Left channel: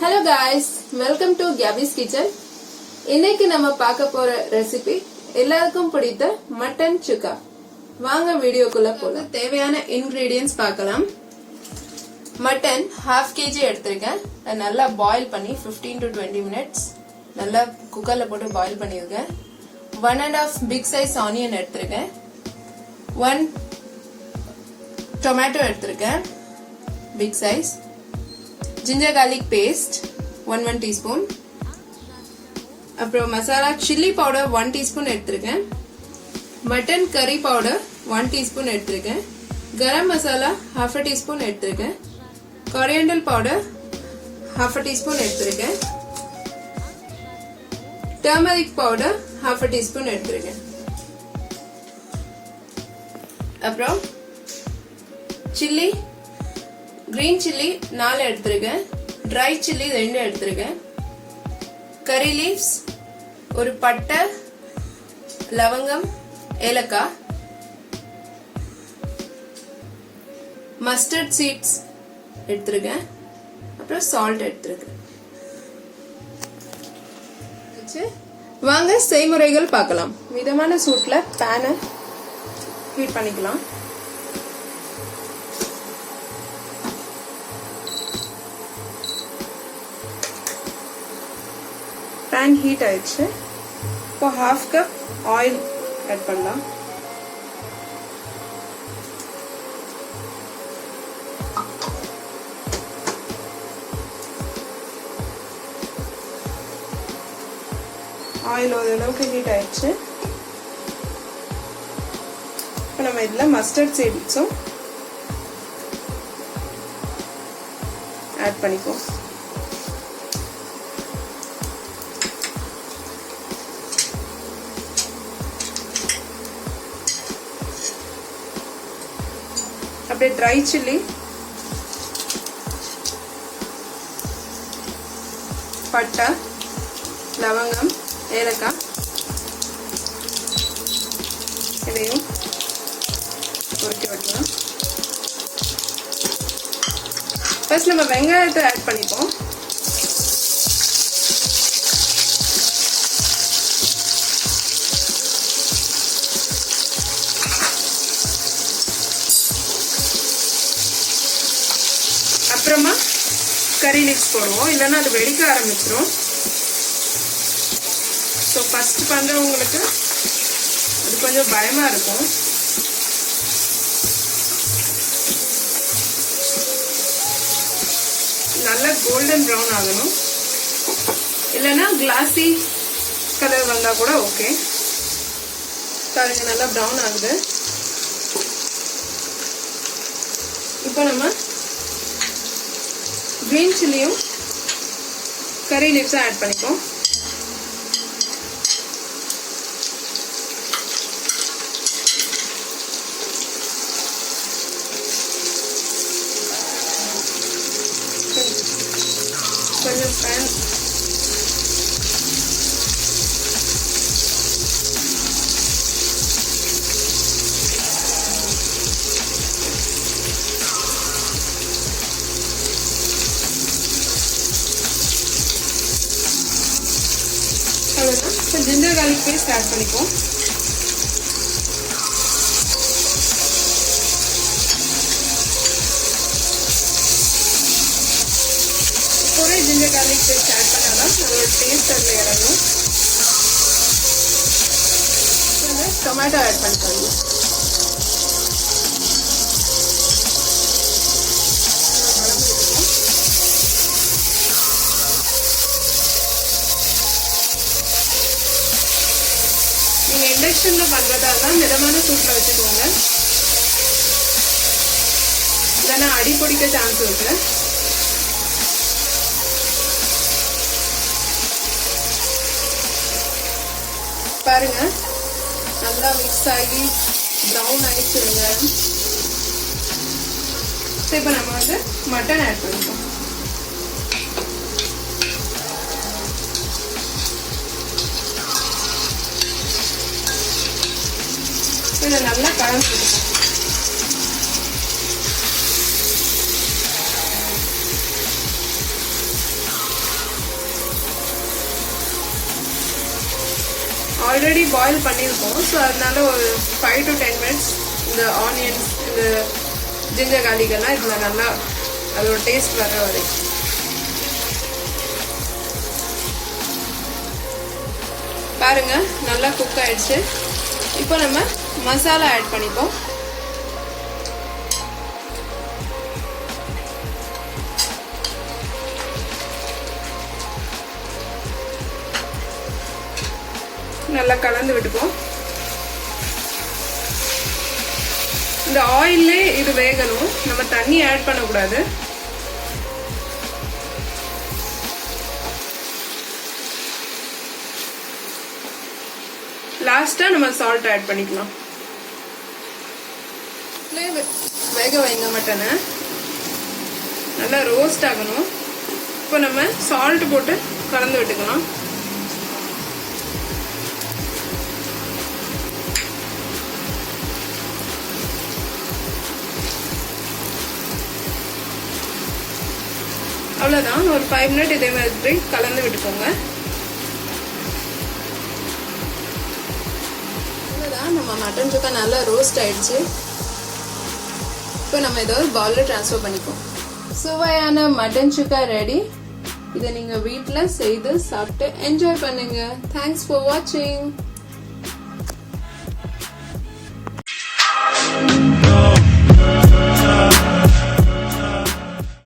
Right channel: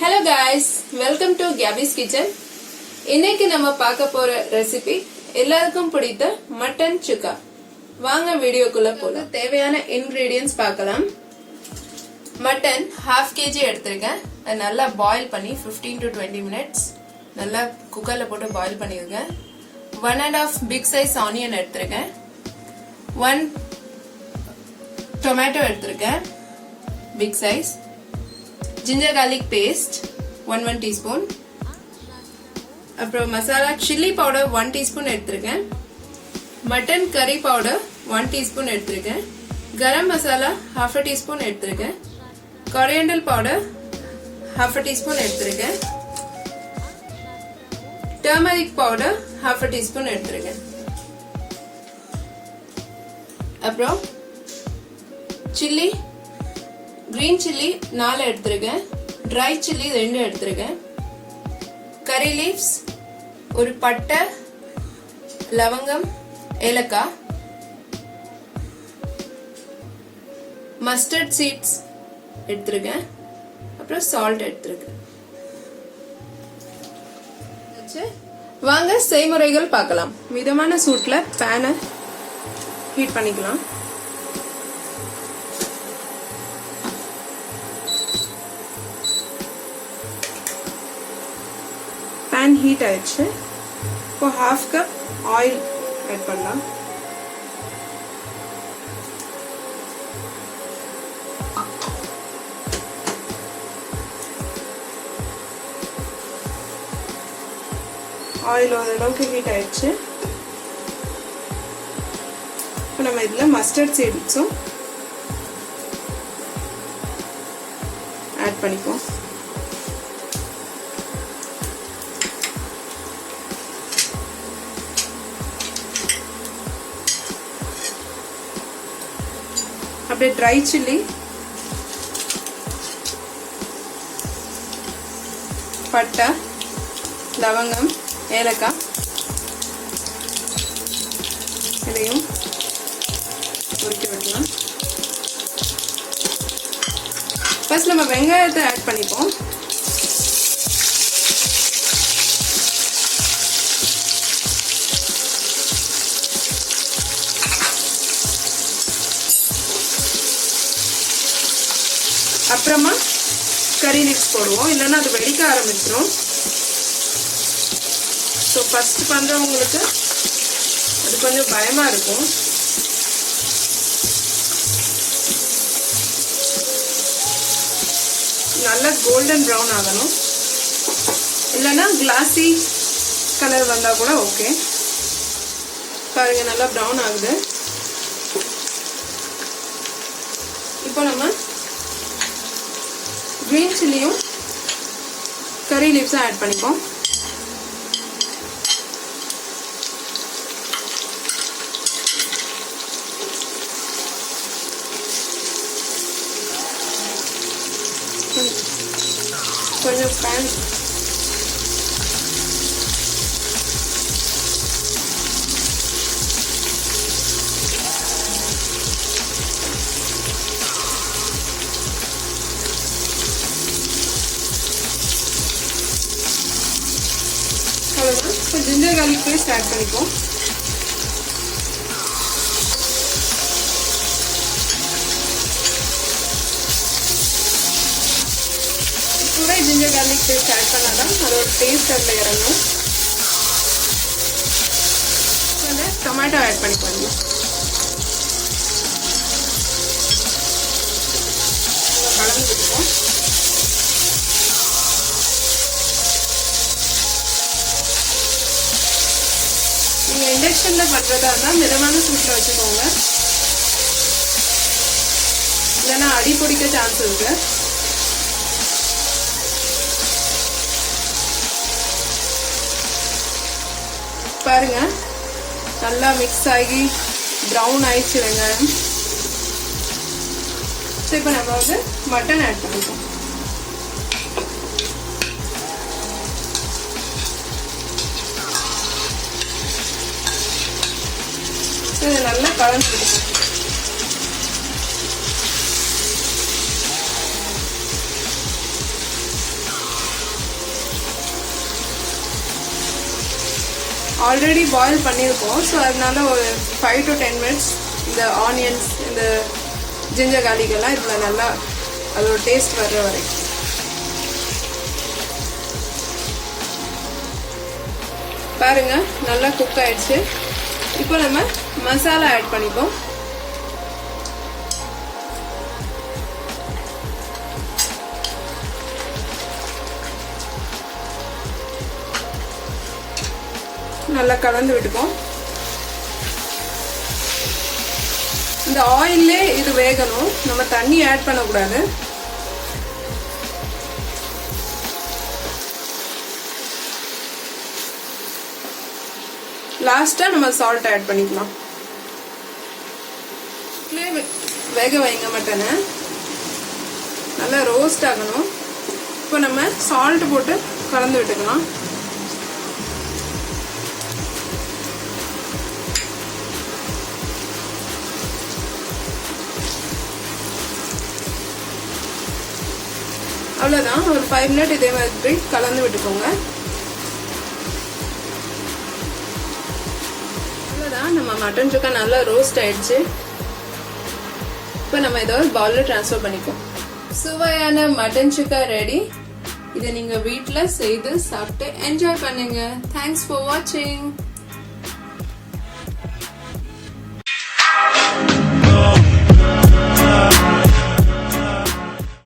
Hello guys, welcome to GABY'S kitchen. இன்னைக்கு நம்ம பார்க்க போற ரெசிபி எல்லாருக்கும் பிடித்த மட்டன் சுக்கா. வாங்க வீடியோக்குள்ள போலாம். தேவையான இன்கிரிடியன்ட்ஸ் பார்க்கலாம். மட்டன் 1/2 kg எடுத்துருக்கேன். நல்லா பாயில் பண்ணி 15 to 20 minutes நல்லா குக்கர்ல போட்டு பாயில் பண்ணிருக்கேன். 1.5 பிக் சைஸ் ஆனியன் எடுத்துருக்கேன். 1 டொமேட்டோ எடுத்துருக்கேன் big size. ginger garlic paste 1 teaspoon. அப்புறம் மசாலா chilli powder 1 teaspoon எடுத்துருக்கேன். மட்டன் கறி பவுடர் 1 teaspoon எடுத்துருக்கேன். கரம் மசாலா 1/2 teaspoon எடுத்துருக்கேன். coriander powder 1/2 teaspoon எடுத்துருக்கேன். turmeric powder 1/2 teaspoon எடுத்துருக்கேன். அப்புறம் chilli green chilli 4 எடுத்துருக்கேன். dry chilli 2 எடுத்துருக்கேன். curry leaves ஒரு பட்டை லவங்கம் ஏலக்காய். mustard seeds எடுத்துருக்கேன். அப்புறம் salt எடுத்துருக்கேன். வாங்க செய்முறைகள் பார்க்கலாம். மிதமான சூட்ல பேனை ஹீட் பண்ணிக்கலாம். पैन हीट ஆயிடுச்சு. இப்போ 1/2 கப் ஆயில் ஆட் பண்ணலாம். ஆயில் ஓரளவுக்கு ஹீட் ஆயிடுச்சு. இப்போ நம்ம இதுல மஸ்டர்ட் சீட்ஸும் ஆட் பண்ணிப்போம். அப்படியே ட்ரை சில்லி, பட்டை லவங்கம் ஏலக்காய் இதையும் பொரிக்க வைக்கலாம். ஃபர்ஸ்ட் நம்ம வெங்காயத்தை ஆட் பண்ணிப்போம். அப்புறமா கறி லீவ்ஸ் போடுவோம், இல்லைன்னா அது வெடிக்க ஆரம்பிச்சிடும். ஸோ ஃபர்ஸ்ட் பண்றவங்களுக்கு அது கொஞ்சம் பயமா இருக்கும். நல்லா கோல்டன் ப்ரௌன் ஆகணும், இல்லைன்னா கிளாசி கலர் வந்தா கூட ஓகே. பாருங்க நல்லா ப்ரௌன் ஆகுது. இப்போ நம்ம green chilliயும் curry leaves ஆட் பண்ணிப்போம். கொஞ்சம் pan ginger garlic paste add பண்ணிப்போம். கூட ginger garlic paste add பண்ணாதான் அதோட டேஸ்ட் அதுல இறங்கும். டொமேட்டோ ஆட் பண்ணிக்கலாம். கலந்துருக்கும். நீங்க இண்டக்ஷன்ல பண்றதா இருந்தா மிதமான சூட்ல வச்சுக்கோங்க, இல்லைன்னா அடி பிடிக்க சான்ஸ் இருக்கு. பாருங்க நல்லா மிக்ஸ் ஆகி ப்ரௌன் ஆயிடுச்சு வெங்காயம். இப்போ நம்ம வந்து மட்டன் ஆட் பண்ணிப்போம். இதை நல்லா கலந்து ஆல்ரெடி பாயில் பண்ணியிருக்கோம். ஸோ அதனால ஒரு 5 to 10 minutes இந்த ஆனியன்ஸ் இந்த ஜிஞ்சர் garlic எல்லாம் இதில் நல்லா அதோட டேஸ்ட் வர்ற வரைக்கும். பாருங்க நல்லா குக் ஆயிடுச்சு. இப்போ நம்ம மசாலா ஆட் பண்ணிப்போம். நல்லா கலந்து விட்டுப்போம். இந்த ஆயிலே இது வேகணும், நம்ம தண்ணி ஆட் பண்ணக்கூடாது. லாஸ்டா நம்ம சால்ட் ஆட் பண்ணிக்கலாம். வேக வைங்க மட்டனை, நல்லா ரோஸ்ட் ஆகணும். இப்போ நம்ம சால்ட் போட்டு கலந்து விட்டுக்கலாம். அவ்வளவுதான், ஒரு 5 minutes இதே மாதிரி கலந்து விட்டுக்கோங்க. அவ்வளவுதான், நம்ம மட்டன் சுக்கா நல்லா ரோஸ்ட் ஆயிடுச்சு. இப்போ நம்ம இதை ஒரு பவுல்ல ட்ரான்ஸ்ஃபர் பண்ணிப்போம். சுவையான மட்டன் சுக்கா ரெடி. இதை நீங்க வீட்டில் செய்து சாப்பிட்டு என்ஜாய் பண்ணுங்க. தேங்க்ஸ் ஃபார் வாட்சிங்.